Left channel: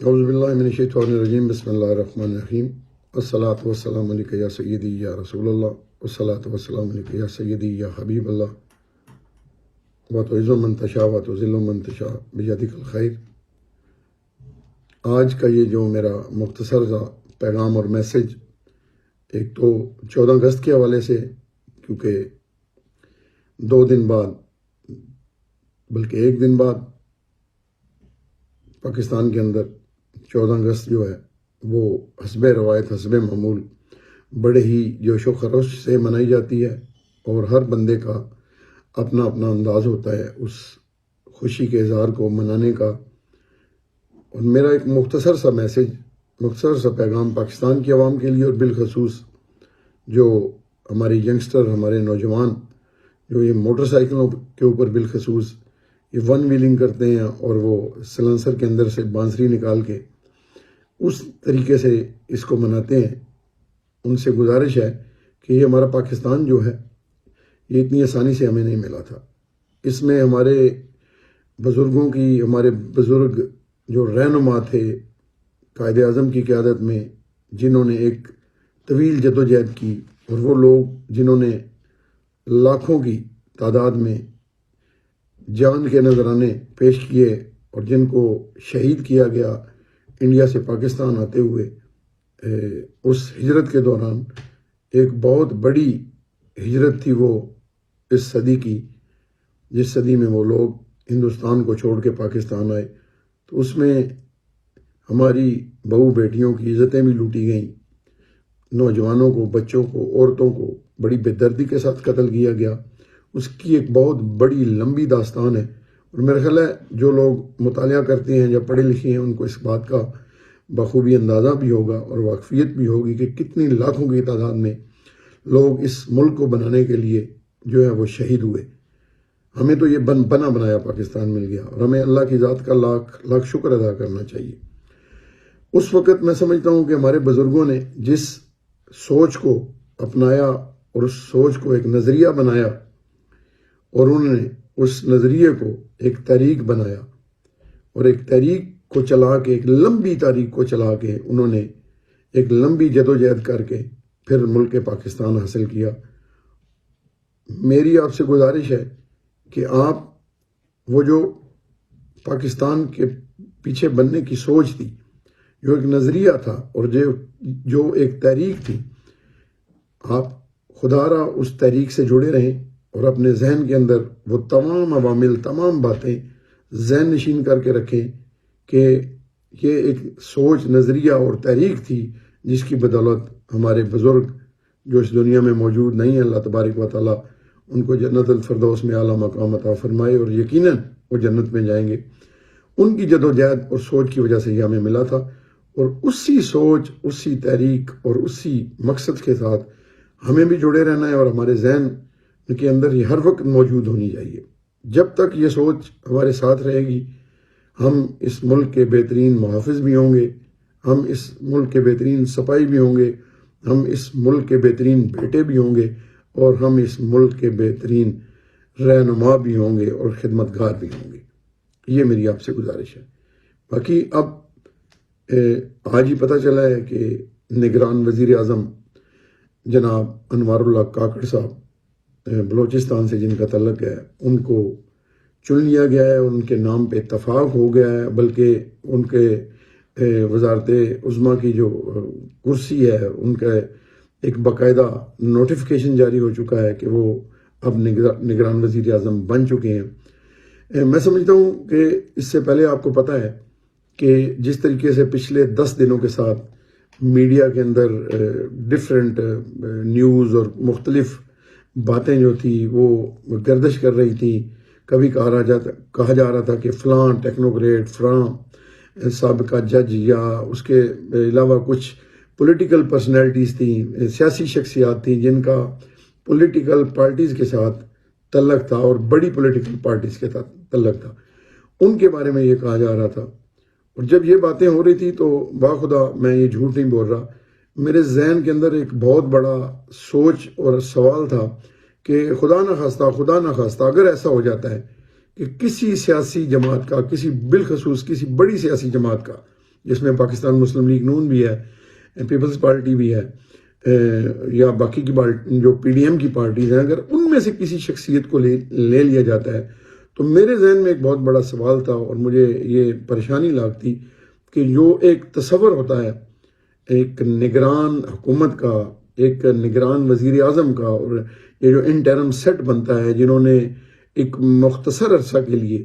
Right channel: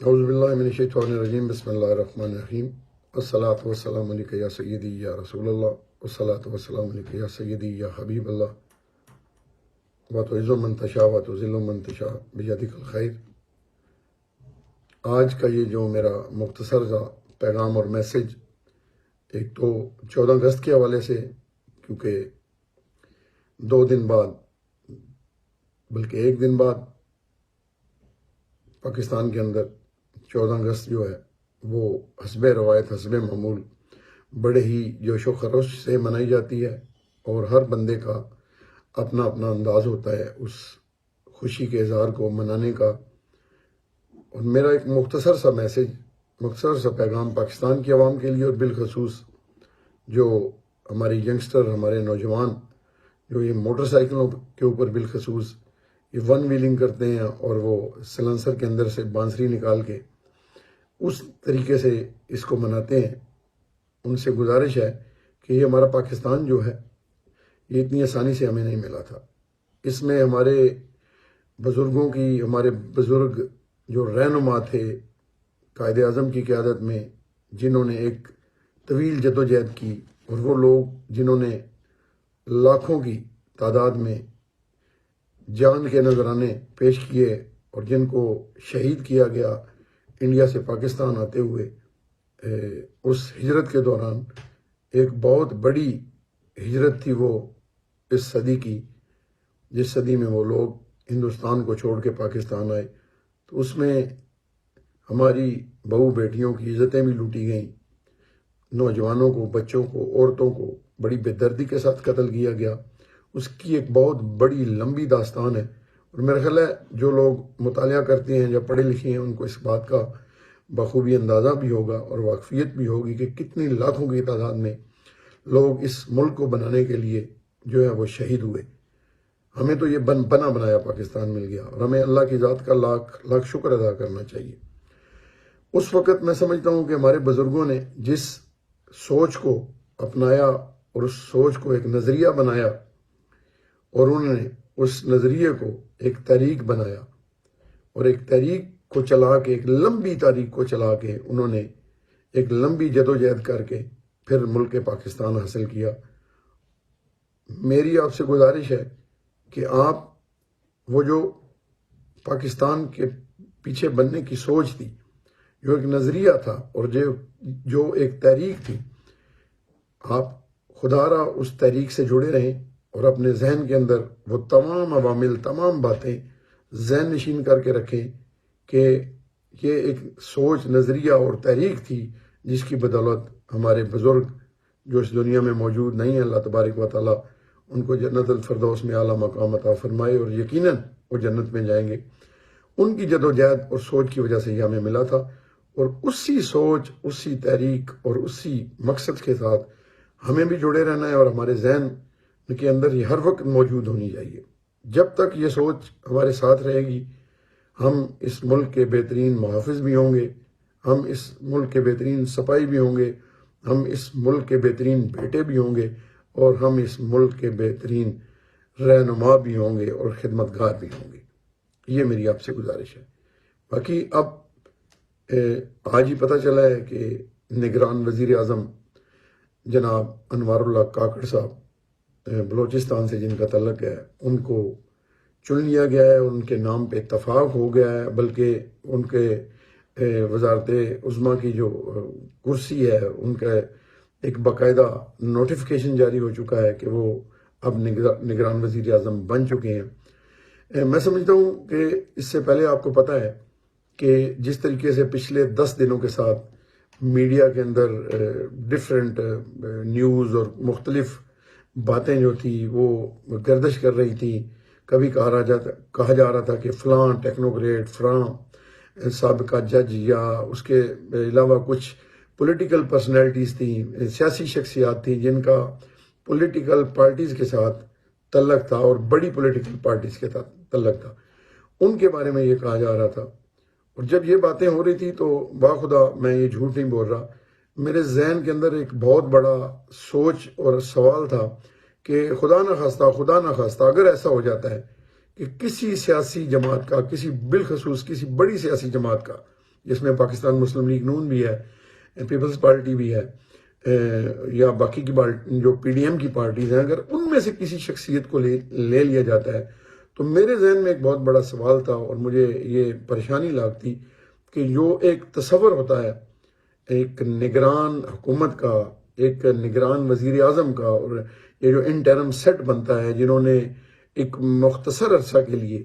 اعوذ باللہ من الشیطان الرجیم بسم اللہ الرحمن الرحیم الصلاۃ والسلام علیک یا سیدی یا رسول اللہ والصلاۃ والسلام علیک یا سیدی یا حبیب اللہ وتعز من تشاء وتذل من تشاء بیدک الخیر۔ آج کا یہ جو میرا مختصر سا پیغام اور میسج، ایک تو 14 اگست کے حوالے سے، کیونکہ 2 دن بعد بلکہ 1 دن بعد پاکستان کے اندر 14 اگست جو ہے وہ حسب روایت حسب معمول بڑے ہی جوش و خروش سے منائی جاتی ہے، اور ہر بندے کا اپنا اپنا انداز ہوتا ہے اس خوشی کے اظہار کو منانے کا۔ اور میرا ایک مختصر سا میسج، مختصر سا پیغام پاکستان کی عوام کے لیے، اور بالخصوص جو ہمارے ینگسٹر، ہمارے نوجوان جو یہ موٹر سائیکلوں کے اوپر بالخصوص یہ ون ویلنگ کرتے ہیں اور وہ سلنسر کے اندر سے بانسری نکال کے اس طریقے سے اس کو مناتے ہیں، ان سے گزارش ہے کہ یہ ہمارا پاکستان جو ہے یہ اتنی آسانی سے ہمیں نہیں ملا تھا۔ اس میں ہمارے بزرگوں کی، ہمارے بزرگ جو رہنما تھے قائد اعظم کی قیادت میں، جنہوں نے ایک طویل جدوجہد کی، اور وہ لوگ جنہوں نے لاکھوں کی تعداد میں جان کے نذرانے پیش کیے اور جن کو شہید کیا گیا انڈیا سے پاکستان آتے ہوئے اس ہجرت کے دوران، ایک بہت بڑی ہجرت تھی وہ اس صدی کی، جس صدی میں وہ لوگ ہندوستان کو چھوڑ کے پاکستان آئے۔ تو اس میں ہماری بہو بیٹیوں کی عزتیں بھی لوٹی گئیں، نوجوانوں کو، بچوں کو، عورتوں کو بڑی بے دردی کے ساتھ قتل کیا گیا۔ اس کی ایک بہت بڑی لمبی داستان ہے، اور میرا خیال ہے جو لوگ مطالعہ کرتے ہیں یا پڑھے لکھے ہیں ان کو اس بات کا بخوبی اندازہ بھی ہوگا اور واقفیت بھی ہوگی کہ کتنی لاکھوں کی تعداد میں لوگ اس ملک کو بنانے کے لیے جو ہے وہ شہید ہوئے۔ ہمیں تو یہ بنا بنایا پاکستان مل گیا، اور ہمیں اللہ کی ذات کا لاکھ لاکھ شکر ادا کرنا چاہیے۔ اس وقت میں سمجھتا ہوں کہ ہمارے بزرگوں نے جس سوچ کو اپنایا اور اس سوچ کو ایک نظریہ بنایا، اور انہوں نے اس نظریے کو ایک تحریک بنایا، اور ایک تحریک کو چلا کے، ایک لمبی تاریخ کو چلا کے انہوں نے ایک لمبی جدوجہد کر کے پھر ملک پاکستان حاصل کیا۔ میری آپ سے گزارش ہے کہ آپ وہ جو پاکستان کے پیچھے بننے کی سوچ تھی، جو ایک نظریہ تھا اور جو ایک تحریک تھی، آپ خدا را اس تحریک سے جڑے رہیں اور اپنے ذہن کے اندر وہ تمام عوامل، تمام باتیں ذہن نشین کر کے رکھیں کہ یہ ایک سوچ، نظریہ اور تحریک تھی جس کی بدولت ہمارے بزرگ جو اس دنیا میں موجود نہیں ہیں، اللہ تبارک و تعالیٰ ان کو جنت الفردوس میں اعلیٰ مقام عطا فرمائے، اور یقیناً وہ جنت میں جائیں گے۔ ان کی جدوجہد اور سوچ کی وجہ سے یہ ہمیں ملا تھا، اور اسی سوچ، اسی تحریک اور اسی مقصد کے ساتھ ہمیں بھی جڑے رہنا ہے، اور ہمارے ذہن کے اندر یہ ہر وقت موجود ہونی چاہیے۔ جب تک یہ سوچ ہمارے ساتھ رہے گی، ہم اس ملک کے بہترین محافظ بھی ہوں گے، ہم اس ملک کے بہترین سپاہی بھی ہوں گے، ہم اس ملک کے بہترین بیٹے بھی ہوں گے، اور ہم اس ملک کے بہترین رہنما بھی ہوں گے اور خدمتگار بھی ہوں گے۔ یہ میری آپ سے گزارش ہے۔ باقی اب آج ہی پتہ چلا ہے کہ نگران وزیر اعظم جناب انوار اللہ کاکڑ صاحب، بلوچستان سے جن کا تعلق ہے، ان کو چن لیا گیا ہے، ان کے نام پہ اتفاق ہو گیا ہے، بلکہ ان کے وزارت عظمیٰ کی جو کرسی ہے ان کا ایک باقاعدہ نوٹیفیکیشن جاری ہو چکا ہے کہ وہ اب نگران وزیر اعظم بن چکے ہیں۔ میں سمجھتا ہوں کہ اس سے پہلے آپ کو پتہ ہے کہ جس طریقے سے پچھلے 10 دنوں کے ساتھ میڈیا کے اندر ڈفرینٹ نیوز اور مختلف باتیں جو تھی وہ گردش کر رہی تھی، کبھی کہا جا رہا تھا کہ فلاں ٹیکنوکریٹ، فلاں سابقہ جج، یا اس کے علاوہ کچھ پولیٹیکل پرسنالٹیز تھیں، سیاسی شخصیات تھیں جن کا پولیٹیکل پارٹیز کے ساتھ تعلق تھا، اور بڑی پولیٹیکل پارٹیز کے ساتھ تعلق تھا، ان کے بارے میں یہ کہا جا رہا تھا۔ اور جب یہ باتیں ہو رہی تھی تو باخدا میں یہ جھوٹ نہیں بول رہا، میرے ذہن کے اندر ایک بہت بڑا سوچ اور سوال تھا کہ خدا نہ خواستہ اگر ایسا ہو جاتا ہے کہ کسی سیاسی جماعت کا، بالخصوص کسی بڑی سیاسی جماعت کا جس میں پاکستان مسلم لیگ نون بھی ہے, پیپلز پارٹی بھی ہے, یا باقی کی جو پی ڈی ایم کی پارٹیز ہیں, اگر ان میں سے کسی شخصیت کو لے لیا جاتا ہے تو میرے ذہن میں ایک بہت بڑا سوال تھا اور مجھے یہ پریشانی لاگتی کہ جو ایک تصور ہوتا ہے ایک نگران حکومت کا, ایک نگران وزیر اعظم کا, اور یہ جو انٹرم سیٹ بنتا ہے جنہوں نے ایک مختصر عرصہ کے لیے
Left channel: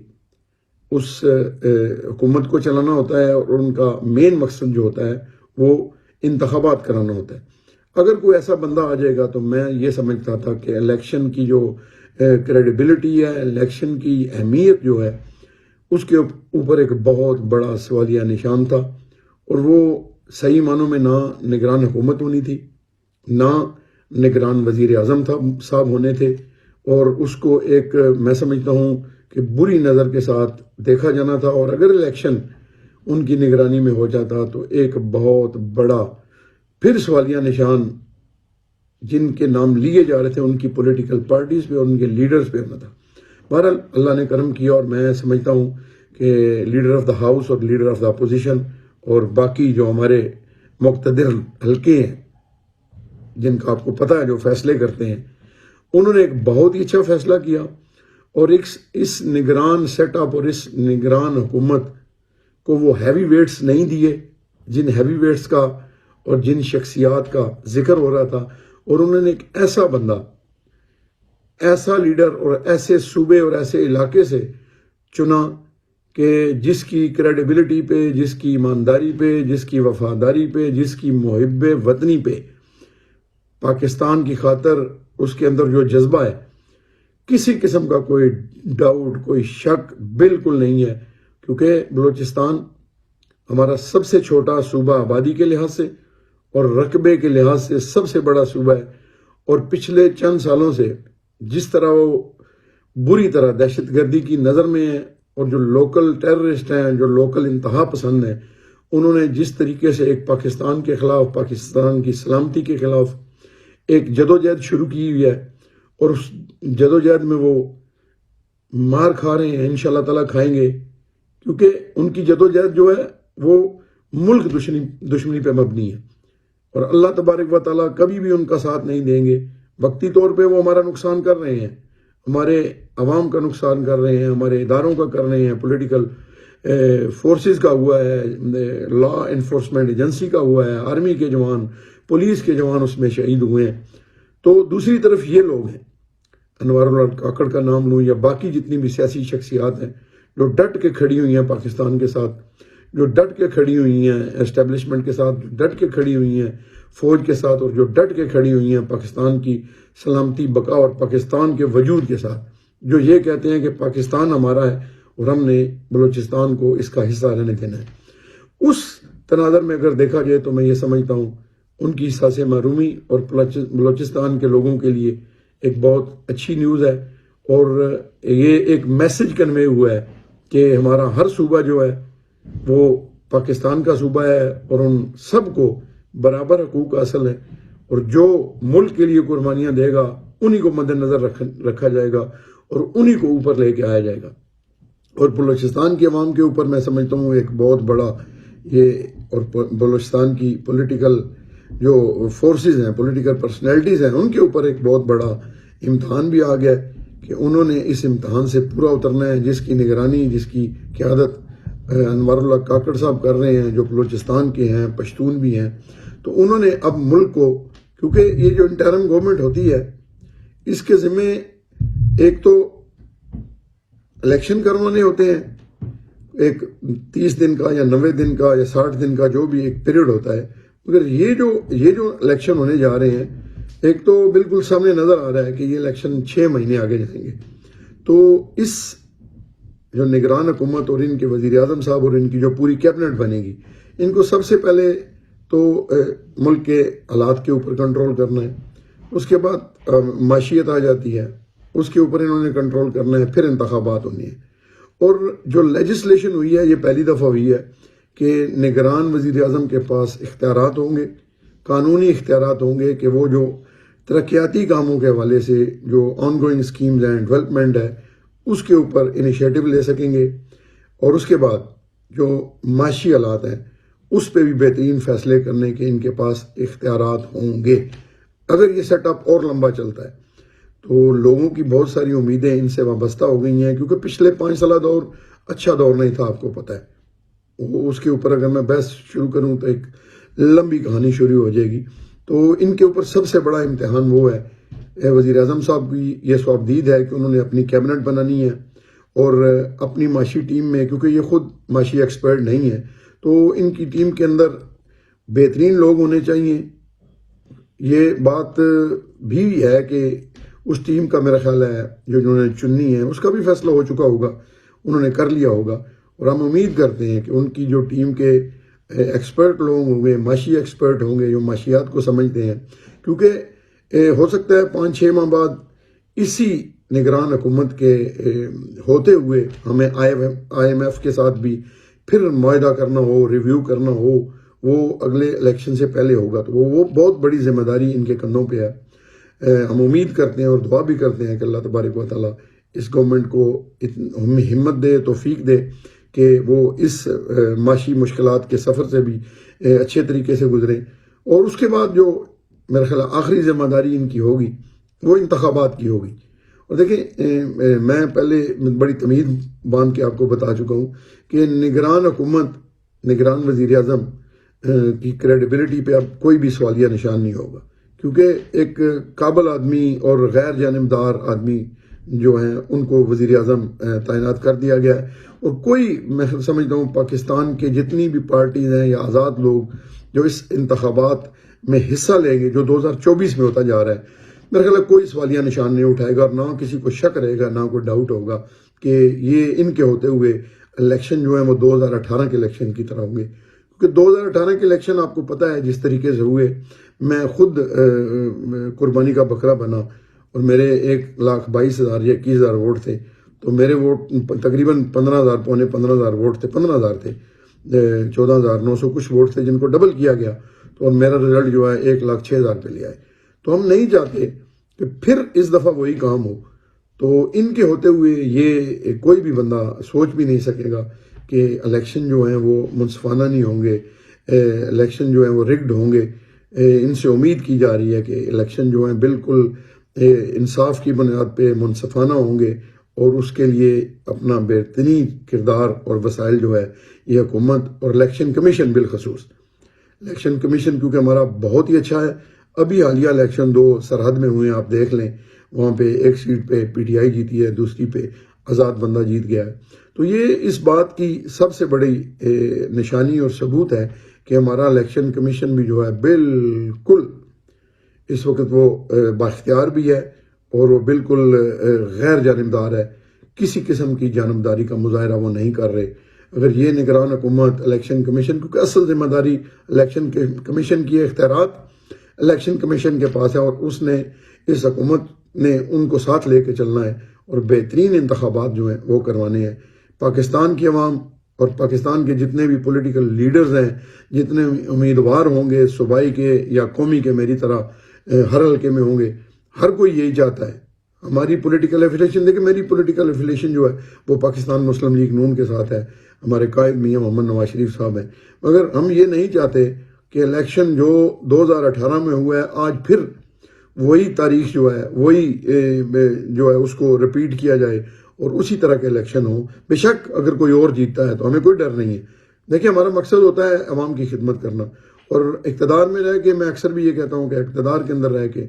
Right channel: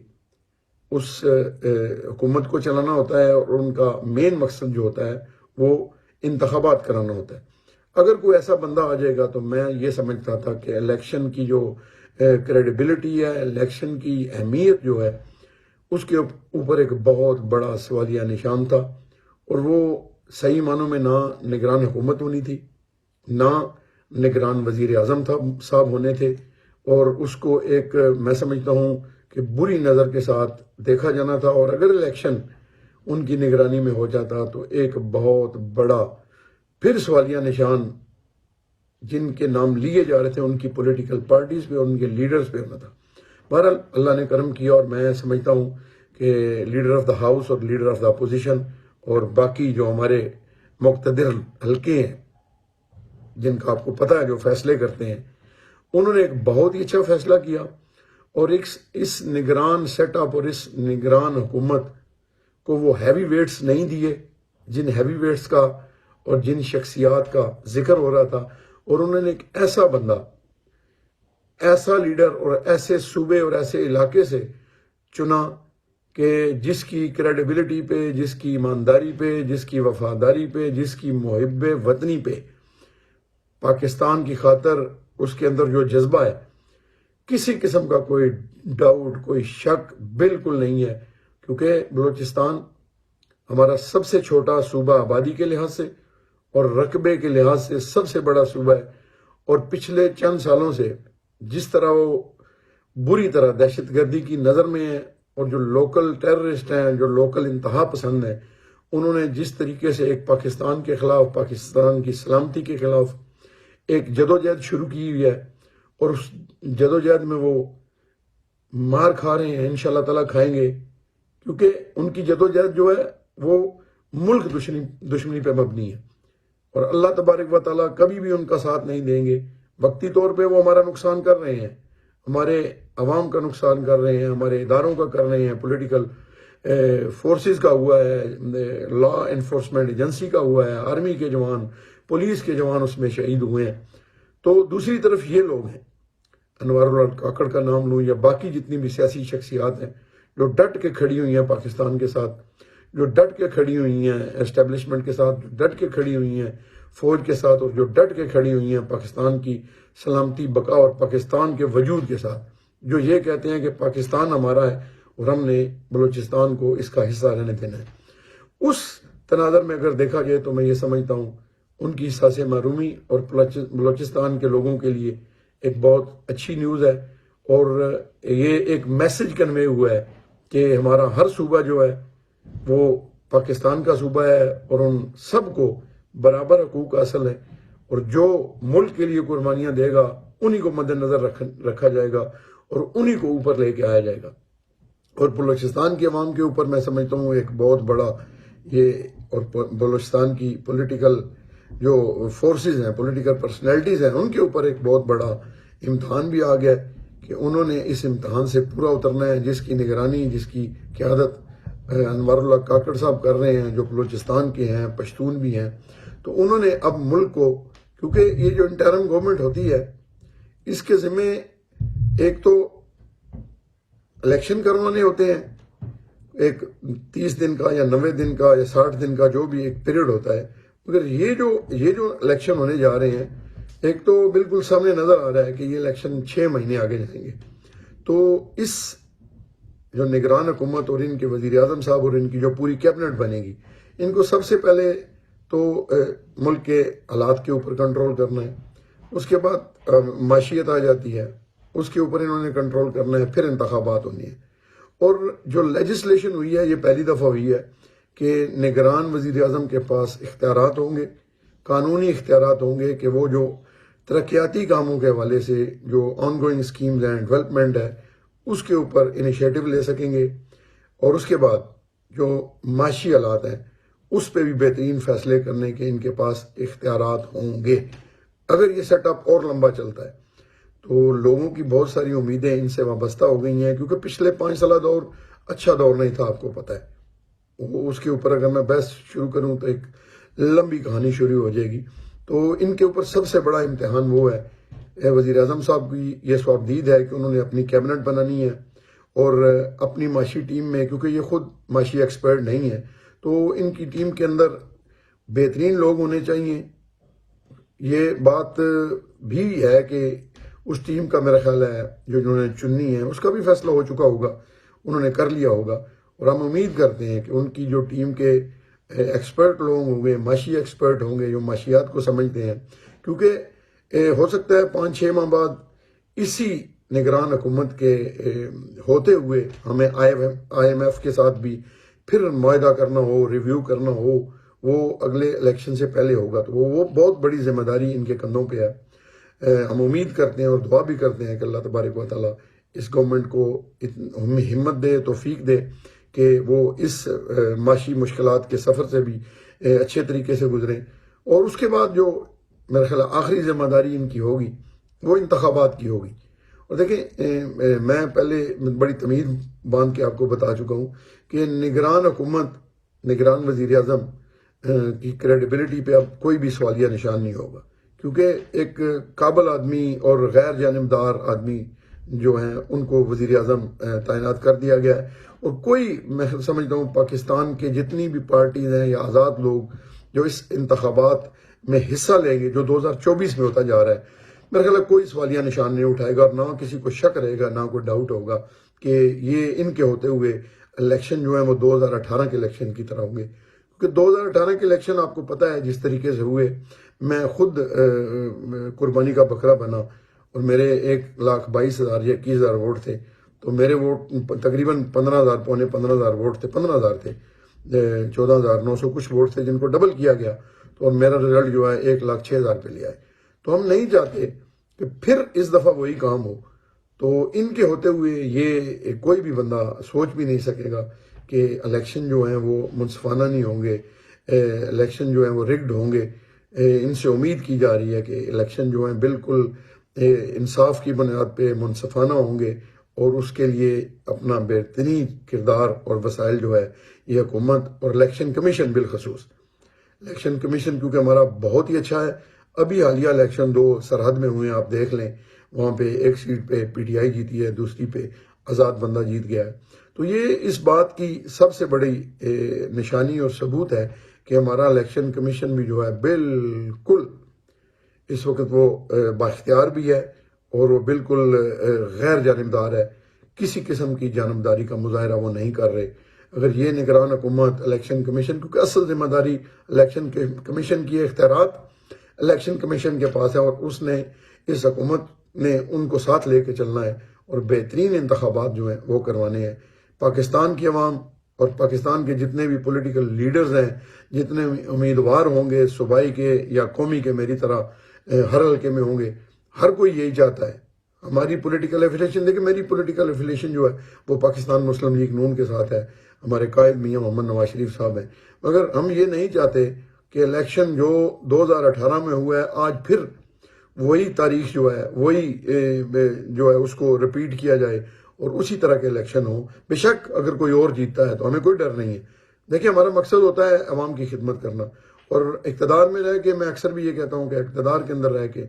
اس حکومت کو چلانا ہوتا ہے اور ان کا مین مقصد جو ہوتا ہے وہ انتخابات کرانا ہوتا ہے. اگر کوئی ایسا بندہ آ جائے گا تو میں یہ سمجھتا تھا کہ الیکشن کی جو کریڈیبلٹی ہے, الیکشن کی اہمیت جو ہے, اس کے اوپر ایک بہت بڑا سوالیہ نشان تھا. اور وہ صحیح معنوں میں نہ نگران حکومت ہونی تھی, نہ نگران وزیر اعظم صاحب ہونے تھے, اور اس کو ایک میں سمجھتا ہوں کہ بری نظر کے ساتھ دیکھا جانا تھا. اور اگر الیکشن ان کی نگرانی میں ہو جاتا تو ایک بہت بڑا پھر سوالیہ نشان جن کے نام لیے جا رہے تھے ان کی پولیٹیکل پارٹیز پہ اور ان کے لیڈرز پہ ہونا تھا. بہرحال اللہ نے کرم کیا اور میں سمجھتا ہوں کہ لیڈر آف دا ہاؤس اور لیڈر آف دا اپوزیشن اور باقی جو ہمارے مقتدر حلقے ہیں جن کا آپ کو پتہ ہے جو فیصلے کرتے ہیں, انہوں نے ایک بہت ہی اچھا فیصلہ کیا. اور اس نگران سیٹ اپ اور اس نگران حکومت کو وہ ہیوی ویٹس نہیں دیے جن ہیوی ویٹس کا اور جن شخصیات کا ذکر ہو رہا تھا, اور انہوں نے ایک ایسا بندہ, ایسا لیڈر اور ایسے صوبے اور ایسے علاقے سے چنا کہ جس کی کریڈیبلٹی پہ, جس کی ایمانداری پہ, جس کی وفاداری پہ, جس کی محب وطنی پہ, پاکستان کی خاطر اس کے اندر جو جذبہ ہے, کسی قسم کا کوئی ڈاؤٹ, کوئی شک بالکل نہیں ہے. کیونکہ بلوچستان ہمارا سب سے چھوٹا صوبہ آبادی کے لحاظ سے اور رقبے کے لحاظ سے سب سے بڑا صوبہ ہے, اور پچھلے چند سالوں سے جس طرح وہ بری طرح دہشت گردی کی نظر میں ہے, اور جو لوکل ٹیررسٹ ہیں, جو لوکل انتہا پسند ہیں, انہوں نے جس طریقے سے ایک پاکستان کے خلاف, پاکستان کی سلامتی کے خلاف ایک جدوجہد شروع کی ہوئی ہے, اور اس جدوجہد میں وہ مار کھا رہے ہیں, انشاءاللہ تعالیٰ کھائیں گے, کیونکہ ان کی جدوجہد جو ہے وہ ملک دشمنی پہ مبنی ہے, اور اللہ تبارک و تعالیٰ کبھی بھی ان کا ساتھ نہیں دیں گے. وقتی طور پہ وہ ہمارا نقصان کر رہے ہیں, ہمارے عوام کا نقصان کر رہے ہیں, ہمارے اداروں کا کر رہے ہیں, پولیٹیکل فورسز کا ہوا ہے, لا انفورسمنٹ ایجنسی کا ہوا ہے, آرمی کے جوان, پولیس کے جوان اس میں شہید ہوئے ہیں. تو دوسری طرف یہ لوگ ہیں, انوار اللہ کاکڑ کا نام لوں یا باقی جتنی بھی سیاسی شخصیات ہیں جو ڈٹ کے کھڑی ہوئی ہیں پاکستان کے ساتھ, جو ڈٹ کے کھڑی ہوئی ہیں اسٹیبلشمنٹ کے ساتھ, جو ڈٹ کے کھڑی ہوئی ہیں فوج کے ساتھ, اور جو ڈٹ کے کھڑی ہوئی ہیں پاکستان کی سلامتی بقا اور پاکستان کے وجود کے ساتھ, جو یہ کہتے ہیں کہ پاکستان ہمارا ہے اور ہم نے بلوچستان کو اس کا حصہ رہنے دینا ہے. اس تناظر میں اگر دیکھا جائے تو میں یہ سمجھتا ہوں ان کی ساس محرومی اور بلوچستان کے لوگوں کے لیے ایک بہت اچھی نیوز ہے, اور یہ ایک میسج کنوے ہوا ہے کہ ہمارا ہر صوبہ جو ہے وہ پاکستان کا صوبہ ہے, اور ان سب کو برابر حقوق حاصل ہے, اور جو ملک کے لیے قربانیاں دے گا انہی کو مد نظر رکھا جائے گا اور انہی کو اوپر لے کے آیا جائے گا. اور بلوچستان کے عوام کے اوپر میں سمجھتا ہوں ایک بہت بڑا یہ, اور بلوچستان کی پولیٹیکل جو فورسز ہیں, پولیٹیکل پرسنالٹیز ہیں, ان کے اوپر ایک بہت بڑا امتحان بھی آ گیا کہ انہوں نے اس امتحان سے پورا اترنا ہے, جس کی نگرانی, جس کی قیادت انوار اللہ کاکڑ صاحب کر رہے ہیں, جو بلوچستان کے ہیں, پشتون بھی ہیں. تو انہوں نے اب ملک کو, کیونکہ یہ جو انٹرم گورنمنٹ ہوتی ہے اس کے ذمہ ایک تو الیکشن کروانے ہوتے ہیں, ایک 30 دن کا یا 90 دن کا یا 60 دن کا جو بھی ایک پیریڈ ہوتا ہے, مگر یہ جو الیکشن ہونے جا رہے ہیں, ایک تو بالکل سامنے نظر آ رہا ہے کہ یہ الیکشن 6 مہینے آگے جائیں گے. تو اس جو نگران حکومت اور ان کے وزیر اعظم صاحب اور ان کی جو پوری کیبنٹ بنے گی, ان کو سب سے پہلے تو ملک کے حالات کے اوپر کنٹرول کرنا ہے, اس کے بعد معیشت آ جاتی ہے, اس کے اوپر انہوں نے کنٹرول کرنا ہے, پھر انتخابات ہونی ہے. اور جو لیجسلیشن ہوئی ہے یہ پہلی دفعہ ہوئی ہے کہ نگران وزیر اعظم کے پاس اختیارات ہوں گے, قانونی اختیارات ہوں گے کہ وہ جو ترقیاتی کاموں کے حوالے سے جو آن گوئنگ اسکیمز ہیں, ڈیولپمنٹ ہے, اس کے اوپر انیشیٹو لے سکیں گے. اور اس کے بعد جو معاشی حالات ہیں اس پہ بھی بہترین فیصلے کرنے کے ان کے پاس اختیارات ہوں گے اگر یہ سیٹ اپ اور لمبا چلتا ہے. تو لوگوں کی بہت ساری امیدیں ان سے وابستہ ہو گئی ہیں کیونکہ پچھلے 5 سالہ دور اچھا دور نہیں تھا، آپ کو پتہ ہے. اس کے اوپر اگر میں بحث شروع کروں تو ایک لمبی کہانی شروع ہو جائے گی. تو ان کے اوپر سب سے بڑا امتحان وہ ہے، وزیر اعظم صاحب کی یہ سوابدید ہے کہ انہوں نے اپنی کیبنٹ بنانی ہے اور اپنی معاشی ٹیم میں، کیونکہ یہ خود معاشی ایکسپرٹ نہیں ہے، تو ان کی ٹیم کے اندر بہترین لوگ ہونے چاہیے. یہ بات بھی ہے کہ اس ٹیم کا میرا خیال ہے جو انہوں نے چننی ہے اس کا بھی فیصلہ ہو چکا ہوگا، انہوں نے کر لیا ہوگا، اور ہم امید کرتے ہیں کہ ان کی جو ٹیم کے ایکسپرٹ لوگ ہوں گے، معاشی ایکسپرٹ ہوں گے جو معاشیات کو سمجھتے ہیں، کیونکہ ہو سکتا ہے 5-6 ماہ بعد اسی نگران حکومت کے ہوتے ہوئے ہمیں آئی ایم ایف کے ساتھ بھی پھر معاہدہ کرنا ہو، ریویو کرنا ہو، وہ اگلے الیکشن سے پہلے ہوگا. تو وہ بہت بڑی ذمہ داری ان کے کندھوں پہ ہے. ہم امید کرتے ہیں اور دعا بھی کرتے ہیں کہ اللہ تبارک و تعالیٰ اس گورنمنٹ کو ہمت دے، توفیق دے کہ وہ اس معاشی مشکلات کے سفر سے بھی اچھے طریقے سے گزریں. اور اس کے بعد جو میرا خیال آخری ذمہ داری ان کی ہوگی وہ انتخابات کی ہوگی. اور دیکھیں میں پہلے بڑی تمیز باندھ کے آپ کو بتا چکا ہوں کہ نگران حکومت، نگران وزیر اعظم کی کریڈیبلٹی پہ اب کوئی بھی سوالیہ نشان نہیں ہوگا، کیونکہ ایک قابل آدمی اور غیر جانبدار آدمی جو ہیں ان کو وزیر اعظم تعینات کر دیا گیا ہے. اور کوئی، میں سمجھتا ہوں پاکستان کے جتنی بھی پارٹیز ہیں یا آزاد لوگ جو اس انتخابات میں حصہ لیں گے جو 2024 میں ہوتا جا رہا ہے، میرے خیال ہے کوئی سوالیہ نشان نہیں اٹھائے گا اور نہ کسی کو شک رہے گا، نہ کوئی ڈاؤٹ ہوگا کہ یہ ان کے ہوتے ہوئے الیکشن جو ہیں وہ 2018 کے الیکشن کی طرح ہوں گے. کیونکہ 2018 کے الیکشن آپ کو پتہ ہے جس طریقے سے ہوئے، میں خود قربانی کا بکرا بنا اور میرے 1,22,000 یا 21,000 ووٹ تھے. تو میرے ووٹ تقریباً 15,000 پونے 15,000 ووٹ تھے، 15,000 تھے، 14,900 کچھ ووٹ تھے جن کو ڈبل کیا گیا. تو اور میرا رزلٹ جو ہے 1,06,000 پہ لیا ہے. تو ہم نہیں چاہتے کہ پھر اس دفعہ وہی کام ہو. تو ان کے ہوتے ہوئے یہ کوئی بھی بندہ سوچ بھی نہیں سکے گا کہ الیکشن جو ہیں وہ منصفانہ نہیں ہوں گے، الیکشن جو ہیں وہ رگڈ ہوں گے. ان سے امید کی جا رہی ہے کہ الیکشن جو ہیں بالکل انصاف کی بنیاد پہ منصفانہ ہوں گے، اور اس کے لیے اپنا بہترین کردار اور وسائل جو ہے یہ حکومت اور الیکشن کمیشن، بالخصوص الیکشن کمیشن کیونکہ ہمارا بہت ہی اچھا ہے. ابھی حالیہ الیکشن 2 سرحد میں ہوئے ہیں، آپ دیکھ لیں، وہاں پہ ایک سیٹ پہ پی ٹی آئی جیتی ہے، دوسری پہ آزاد بندہ جیت گیا ہے. تو یہ اس بات کی سب سے بڑی نشانی اور ثبوت ہے کہ ہمارا الیکشن کمیشن بھی جو ہے بالکل اس وقت وہ بااختیار بھی ہے اور وہ بالکل غیر جانبدار ہے. کسی قسم کی جانبداری کا مظاہرہ وہ نہیں کر رہے. اگر یہ نگران حکومت، الیکشن کمیشن، کیونکہ اصل ذمہ داری الیکشن کمیشن کی اختیارات الیکشن کمیشن کے پاس ہے، اور اس نے اس حکومت نے ان کو ساتھ لے کے چلنا ہے اور بہترین انتخابات جو ہیں وہ کروانے ہیں. پاکستان کی عوام اور پاکستان کے جتنے بھی پولیٹیکل لیڈرز ہیں، جتنے امیدوار ہوں گے صوبائی کے یا قومی کے، میری طرح ہر حلقے میں ہوں گے، ہر کوئی یہی چاہتا ہے. ہماری پولیٹیکل ایفیلیشن دیکھیں، میری پولیٹیکل ایفیلیشن جو ہے وہ پاکستان مسلم لیگ نون کے ساتھ ہے. ہمارے قائد میاں محمد نواز شریف صاحب ہیں. مگر ہم یہ نہیں چاہتے کہ الیکشن جو 2018 میں ہوا ہے آج پھر وہی تاریخ جو ہے، وہی جو ہے اس کو رپیٹ کیا جائے اور اسی طرح کے الیکشن ہو. بے شک اگر کوئی اور جیتتا ہے تو ہمیں کوئی ڈر نہیں ہے. دیکھیں، ہمارا مقصد ہوتا ہے عوام کی خدمت کرنا، اور اقتدار میں رہ کے میں اکثر بھی یہ کہتا ہوں کہ اقتدار کے اندر رہ کے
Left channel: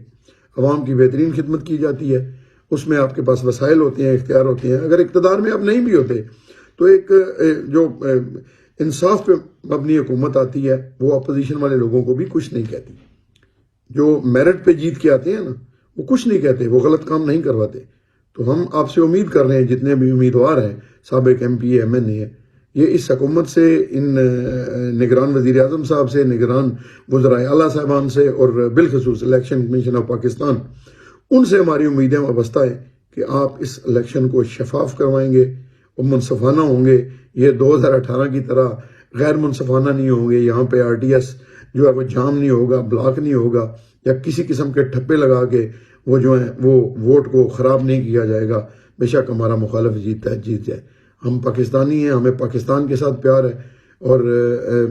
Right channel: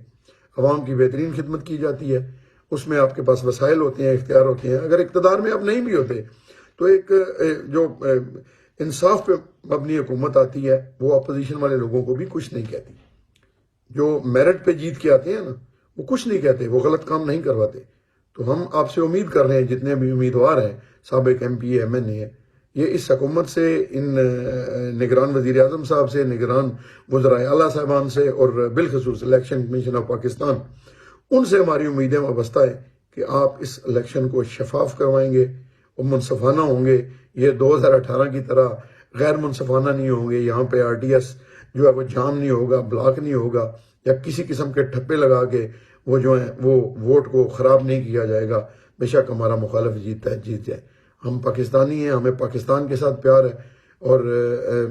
عوام کی بہترین خدمت کی جاتی ہے. اس میں آپ کے پاس وسائل ہوتے ہیں، اختیار ہوتے ہیں. اگر اقتدار میں آپ نہیں بھی ہوتے تو ایک جو انصاف پہ مبنی حکومت آتی ہے وہ اپوزیشن والے لوگوں کو بھی کچھ نہیں کہتی. جو میرٹ پہ جیت کے آتے ہیں نا، وہ کچھ نہیں کہتے، وہ غلط کام نہیں کرواتے. تو ہم آپ سے امید کر رہے ہیں، جتنے بھی امیدوار ہیں، سابق ایم پی ایم این اے، یہ اس حکومت سے، ان نگران وزیر اعظم صاحب سے، نگران وزرائے اعلیٰ صاحبان سے، اور بالخصوص الیکشن کمیشن آف پاکستان، ان سے ہماری امیدیں وابستہ ہے کہ آپ اس الیکشن کو شفاف کروائیں گے، وہ منصفانہ ہوں گے. یہ 2018 کی طرح غیر منصفانہ نہیں ہوں گے. یہاں پہ آر ٹی ایس جو ہے وہ جام نہیں ہوگا، بلاک نہیں ہوگا، یا کسی قسم کے ٹھپے لگا کے وہ جو ہیں وہ ووٹ کو خراب نہیں کیا جائے گا. بے شک ہمارا مخالف جیتتا ہے، جیت جائے. ہم پاکستانی ہیں، ہمیں پاکستان کے ساتھ پیار ہے. اور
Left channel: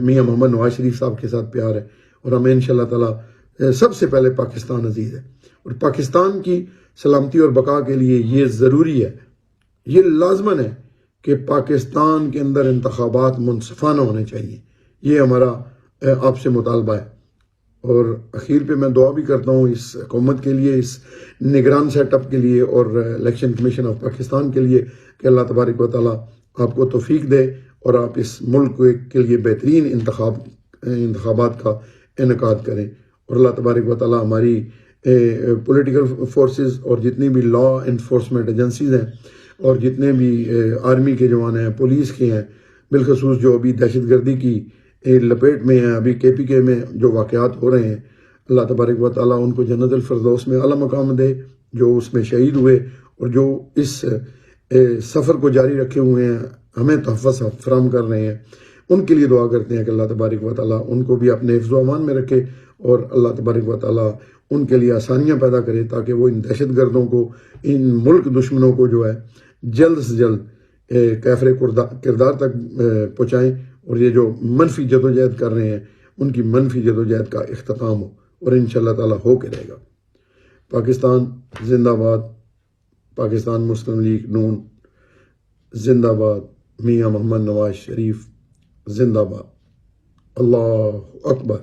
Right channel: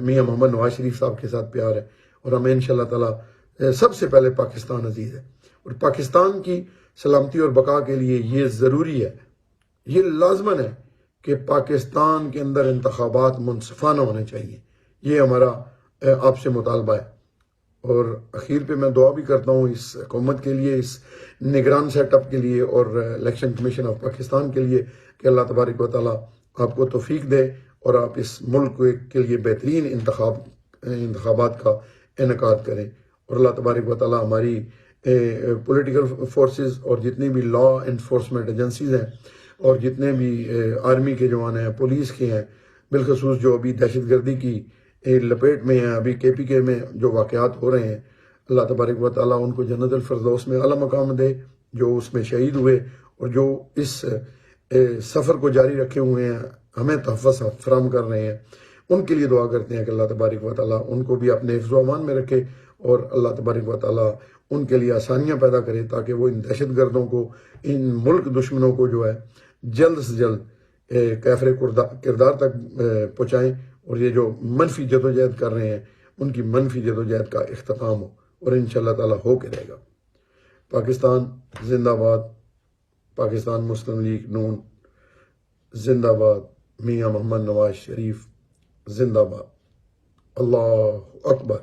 میاں محمد نواز شریف صاحب کے ساتھ پیار ہے، اور ہمیں انشاءاللہ تعالی سب سے پہلے پاکستان عزیز ہے، اور پاکستان کی سلامتی اور بقا کے لیے یہ ضروری ہے، یہ لازماً ہے کہ پاکستان کے اندر انتخابات منصفانہ ہونے چاہیے. یہ ہمارا آپ سے مطالبہ ہے. اور اخیر پہ میں دعا بھی کرتا ہوں اس حکومت کے لیے، اس نگران سیٹ اپ کے لیے، اور الیکشن کمیشن آف پاکستان کے لیے کہ اللہ تبارک و تعالیٰ آپ کو توفیق دے اور آپ اس ملک کے لیے بہترین انتخابات کا انعقاد کریں. اور اللہ تبارک و تعالیٰ ہماری پولیٹیکل فورسز اور جتنی بھی لا انفورسمنٹ ایجنسیز ہیں اور جتنے بھی آرمی کے جوان ہیں، پولیس کے ہیں، بالخصوص جو ابھی دہشت گردی کی لپیٹ میں ہیں، ابھی کے پی کے میں جو واقعات ہو رہے ہیں، اللہ تبارک و تعالیٰ ان کو جنت الفردوس میں اعلیٰ مقام دے، جو اس میں شہید ہوئے اور جو اس سفر کو جاری رکھے ہوئے ہیں، ہمیں تحفظ فراہم کر رہے ہیں. ان کے لیے دعا کرتے ہیں کہ اللہ تبارک و تعالیٰ ان کو بھی اپنے حفظ و امان میں رکھے، اور اللہ تبارک و تعالیٰ ان کے لیے آسانیاں پیدا کرے تاکہ وہ ان دہشت گردوں کو، ان ملک دشمنوں کو جو ہے جلد سے جلد کیفر کردار تک پہنچائیں، اور یہ جو منفی جدوجہد کر رہے ہیں ان کی منفی جدوجہد کا اختتام ہو، اور انشاءاللہ تعالیٰ ہو کے رہے گا. پاکستان زندہ باد، پاکستان مسلم لیگ نون زندہ باد، میاں محمد نواز شریف زندہ باد. اللہ اکبر.